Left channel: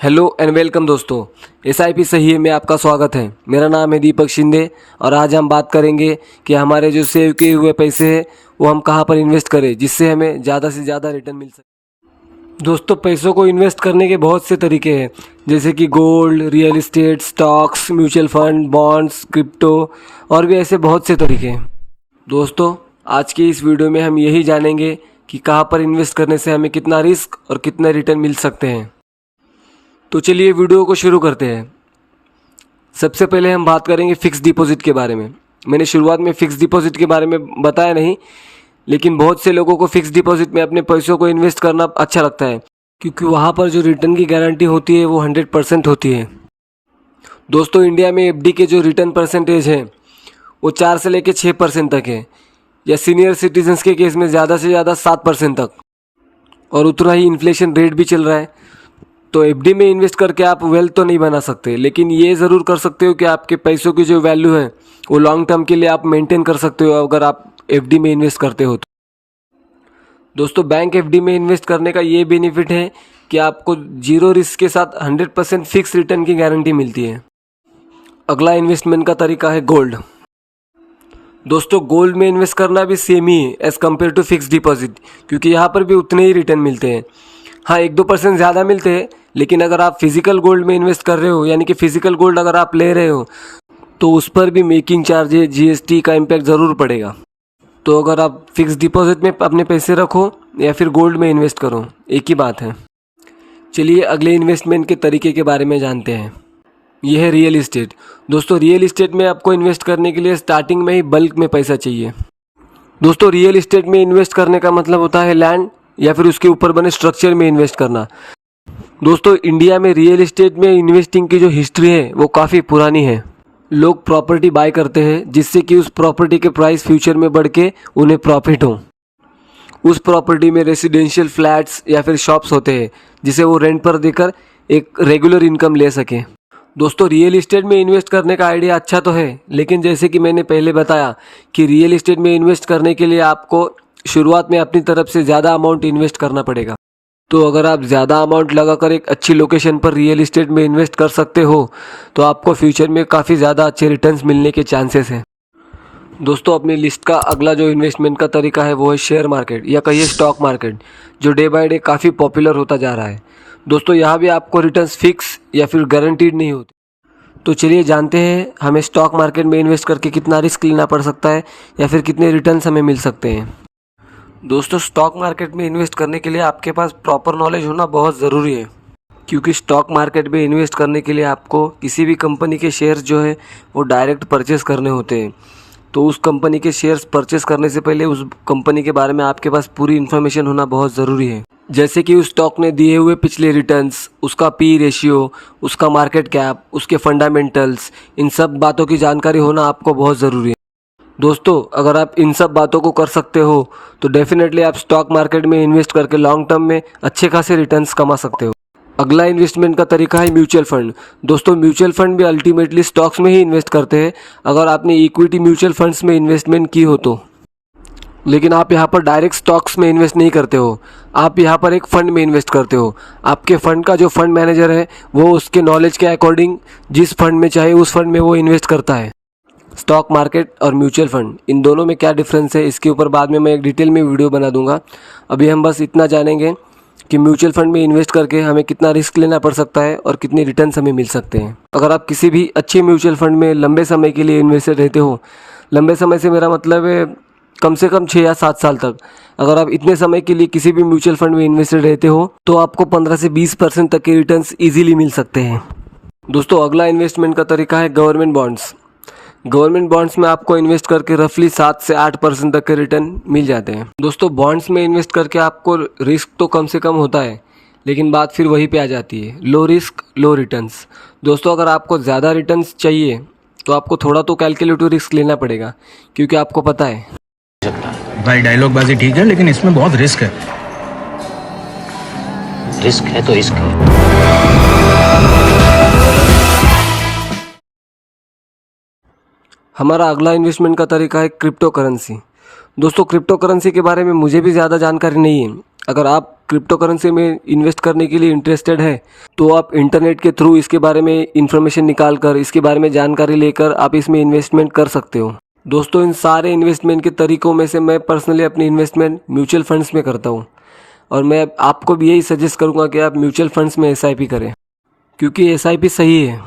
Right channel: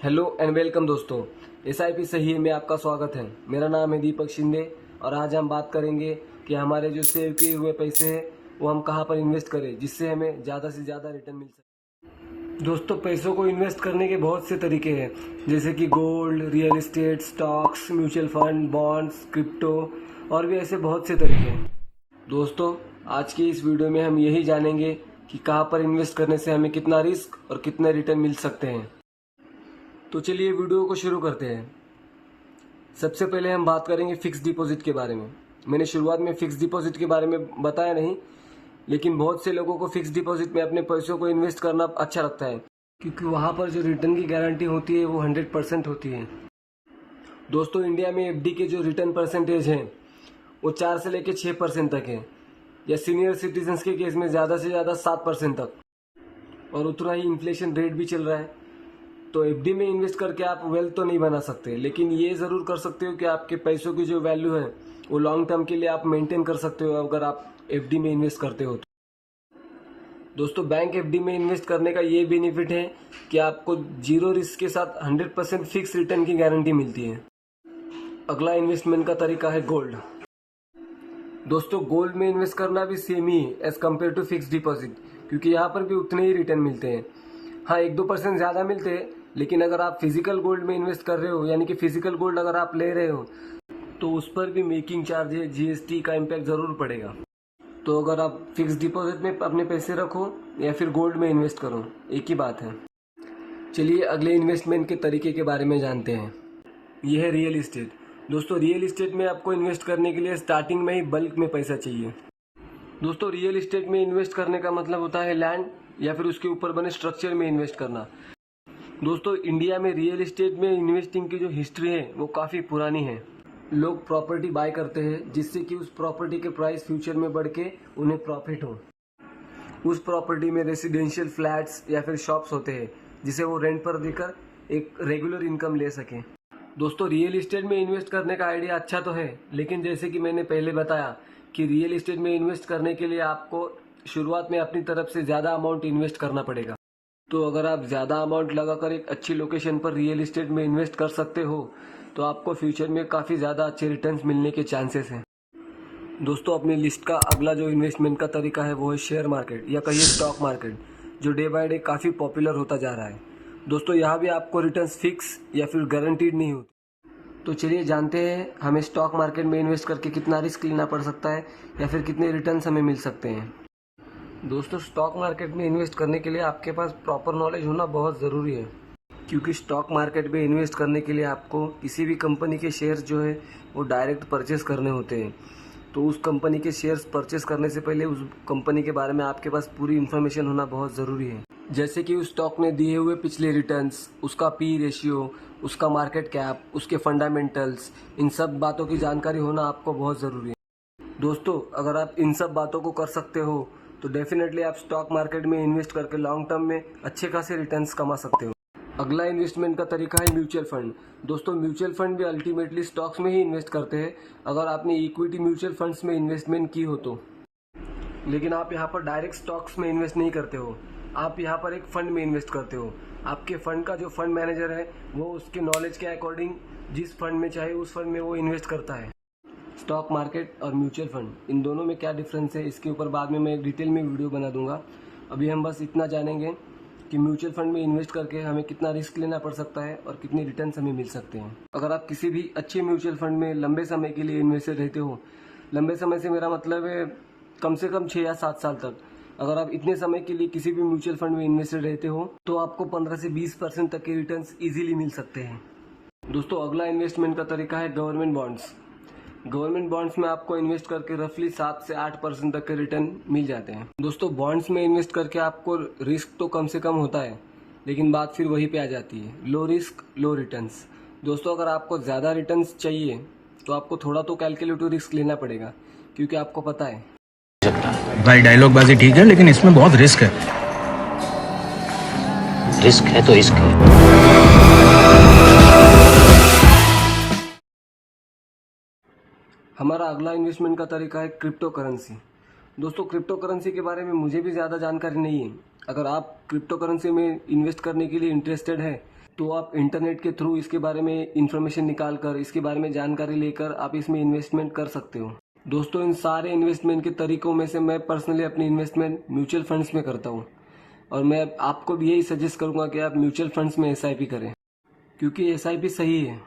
Hello and welcome दोस्तों। SIP सही है में आपका स्वागत है। मेरा नाम है दीपक शिंदे और आज हम बात करेंगे कि हमारे जो सेव किए हुए पैसे हैं वो हम कहाँ पर इन्वेस्ट करें जिससे हमें ज़्यादा से ज़्यादा रिटर्न मिल सके। दोस्तों, पैसों को इन्वेस्ट करने के बहुत से तरीके हैं, जैसे कि gold, real estate, stocks, mutual fund, bonds, crypto और भी ऐसे बहुत से तरीके हैं। दोस्तों, आज की इस वीडियो में हम यही जानेंगे कि कहाँ पर इन्वेस्ट करने से हमें कितना रिस्क और कितना रिटर्न मिल सकते हैं। तो चलिए वीडियो को शुरू करते हैं। सबसे पहले हम बात करेंगे फ़िक्स डिपॉज़िट के बारे में। मैंने शुरुआत में फ़िक्स डिपॉज़िट के बारे में बताया नहीं, लेकिन बहुत से लोगों को फ़िक्स डिपॉज़िट में अपने पैसों को इन्वेस्ट करना अच्छा लगता है, क्योंकि वहाँ पर जो रिटर्न की गारंटी होती है वो 100% होती है। दोस्तों, इंडिया में FD के जो रिटर्न परसेंटेज है वो 4 से लेकर 6% तक है, या सीनियर सिटीजन्स के केस में ज़्यादा से ज़्यादा 7% तक, और उतना ही इन्फ्लेशन रेट भी चल रहा है। तो FD में इन्वेस्ट करके आप वेल्थ तो नहीं बना सकते, लेकिन ये ज़रूर कर सकते हो कि आपके पैसों की जो वैल्यू है वो लॉन्ग टर्म के लिए आप मेंटेन कर सकते हो अगर आप FD में इन्वेस्ट करते हो तो। दोस्तों, बैंक FD में इन्वेस्ट करने का ये बेनिफिट है कि आपको जीरो रिस्क के साथ 100% फिक्स रिटर्न की गारंटी मिलती है। अगला इन्वेस्टमेंट का तरीका है गोल्ड। दोस्तों, गोल्ड में इन्वेस्ट करना भी सेम ही है as compare to fix deposit, क्योंकि यहाँ पर भी उतने ही रिटर्न मिलते हैं। हाँ, 1-2% ज़्यादा मिलते हैं, लेकिन अगर आप फिज़िकल गोल्ड में इन्वेस्ट कर रहे हो, यानी कि फ़िज़िकल गोल्ड अगर आप ले रहे हो, तो उस पर भी मेकिंग चार्जेज, GST का इम्पैक्ट ज़रूर पड़ेगा। तो अगर आप फिक्स डिपॉजिट में अपने पैसे रखो या फिर गोल्ड में इन्वेस्ट करो, एक ही बात है। चलिए अगले इन्वेस्टमेंट के तरीके के बारे में जानते हैं। यह है रियल इस्टेट। दोस्तों, रियल इस्टेट में आपको इन्वेस्ट करने के लिए स्टार्टिंग में ही बल्क में पैसा चाहिए। दोस्तों, रियल इस्टेट में इन्वेस्ट करने का मतलब होता है लैंड या फिर उसके ऊपर बने स्ट्रक्चर में इन्वेस्ट करना। दोस्तों, इंडिया में रियल इस्टेट में इन्वेस्टिंग की जो हिस्ट्री है वो काफ़ी पुरानी है। लोग प्रॉपर्टी बाय करते हैं जिससे कि उस प्रॉपर्टी के प्राइस फ्यूचर में बढ़ के उन्हें प्रॉफिट हो। उस प्रॉपर्टी में रेसिडेंशियल फ्लैट्स या फिर शॉप्स होते हैं जिसे वो रेंट पर देकर एक रेगुलर इनकम ले सके। दोस्तों, रियल इस्टेट में इन्वेस्ट करने का आइडिया अच्छा तो है, लेकिन जैसे कि मैंने पहले बताया कि रियल इस्टेट में इन्वेस्ट करने के लिए आपको शुरुआत में अपनी तरफ से ज़्यादा अमाउंट इन्वेस्ट करना पड़ेगा। तो अगर आप ज़्यादा अमाउंट लगाकर एक अच्छी लोकेशन पर रियल इस्टेट में इन्वेस्ट कर सकते हो तो आपको फ्यूचर में काफ़ी ज़्यादा अच्छे रिटर्न्स मिलने के चांसेस हैं। दोस्तों, अपनी लिस्ट का अगला जो इन्वेस्टमेंट का तरीका है वो है शेयर मार्केट या कहिए स्टॉक मार्केट, जो डे बाय डे काफ़ी पॉपुलर होता जा रहा है। दोस्तों, यहाँ भी आपको रिटर्न्स फिक्स या फिर गारंटीड नहीं होते। तो चलिए जानते हैं हमें स्टॉक मार्केट में इन्वेस्ट करके कितना रिस्क लेना पड़ सकता है या फिर कितने रिटर्न्स हमें मिल सकते हैं। दोस्तों, स्टॉक मार्केट में इन्वेस्ट करने के लिए आपके पास प्रॉपर नॉलेज होना बहुत ज़रूरी है, क्योंकि स्टॉक मार्केट में इन्वेस्ट करने के लिए आपको किसी भी कंपनी के शेयर्स जो है वो डायरेक्ट परचेस करने होते हैं। तो उस कंपनी के शेयर्स परचेस करने से पहले उस कंपनी के बारे में आपके पास पूरी इन्फॉर्मेशन होना बहुत ज़रूरी है, जैसे कि उस स्टॉक ने दिए हुए पिछले रिटर्न्स, उसका P रेशियो, उसका मार्केट कैप, उसके फंडामेंटल्स, इन सब बातों की जानकारी होना आपको बहुत ज़रूरी है। दोस्तों, अगर आप इन सब बातों को कर सकते हो तो डेफिनेटली आप स्टॉक मार्केट में इन्वेस्ट करके लॉन्ग टर्म में अच्छे खासे रिटर्न्स कमा सकते हो। अगला इन्वेस्टमेंट का तरीका है म्यूचुअल फंड। दोस्तों, म्यूचुअल फंड भी अल्टीमेटली स्टॉक्स में ही इन्वेस्ट करते हैं अगर आपने इक्विटी म्यूचुअल फंड्स में इन्वेस्टमेंट की हो तो। लेकिन आप यहाँ पर डायरेक्ट स्टॉक्स में इन्वेस्ट नहीं करते हो, आप यहाँ पर एक फ़ंड में इन्वेस्ट करते हो। आपके फ़ंड का जो फंड मैनेजर है वो उसके नॉलेज के अकॉर्डिंग जिस फंड में चाहे उस फंड में वो इन्वेस्ट करता है। स्टॉक मार्केट और म्यूचुअल फंड, इन दोनों में क्या डिफरेंस है इसके ऊपर बाद में मैं एक डिटेल में वीडियो बना दूंगा। अभी हम बस इतना जानेंगे कि म्यूचुअल फंड में इन्वेस्ट करके हमें कितना रिस्क लेना पड़ सकता है और कितने रिटर्न्स हमें मिल सकते हैं। अगर आप किसी भी अच्छे म्यूचुअल फंड में लंबे समय के लिए इन्वेस्टेड रहते हो, लंबे समय से मेरा मतलब है कम से कम 6 या 7 साल तक, अगर आप इतने समय के लिए किसी भी म्यूचुअल फंड में इन्वेस्टेड रहते हो तो आपको 15 से 20% तक के रिटर्न्स ईजिली मिल सकते हैं। दोस्तों, अगला इन्वेस्टमेंट का तरीका है गवर्नमेंट बॉन्ड्स। गवर्नमेंट बॉन्ड्स में आपको इन्वेस्ट करके रफली 7 से 8% तक के रिटर्न मिल जाते हैं। दोस्तों, बॉन्ड्स में इन्वेस्ट करके आपको रिस्क तो कम से कम होता है, लेकिन बात फिर वही पे आ जाती है, लो रिस्क लो रिटर्न्स। दोस्तों, अगर आपको ज़्यादा रिटर्न्स चाहिए तो आपको थोड़ा तो कैलकुलेटिव रिस्क लेना पड़ेगा, क्योंकि आपको पता है भाई डायलॉग बाजी ठीक है, लेकिन इसमें बहुत रिस्क है। रिस्क है तो रिस्क है। हमारा अगला इन्वेस्टमेंट का तरीका है क्रिप्टो करेंसी। दोस्तों, क्रिप्टो करेंसी के बारे में मुझे भी ज़्यादा जानकारी नहीं है। अगर आप क्रिप्टो करेंसी में इन्वेस्ट करने के लिए इंटरेस्टेड है तो आप इंटरनेट के थ्रू इसके बारे में इन्फॉर्मेशन निकाल कर, इसके बारे में जानकारी लेकर आप इसमें इन्वेस्टमेंट कर सकते हो। दोस्तों, इन सारे इन्वेस्टमेंट के तरीकों में से मैं पर्सनली अपनी इन्वेस्टमेंट म्यूचुअल फंड्स में करता हूँ और मैं आपको भी यही सजेस्ट करूँगा कि आप म्यूचुअल फंड्स में SIP करें, क्योंकि SIP सही है।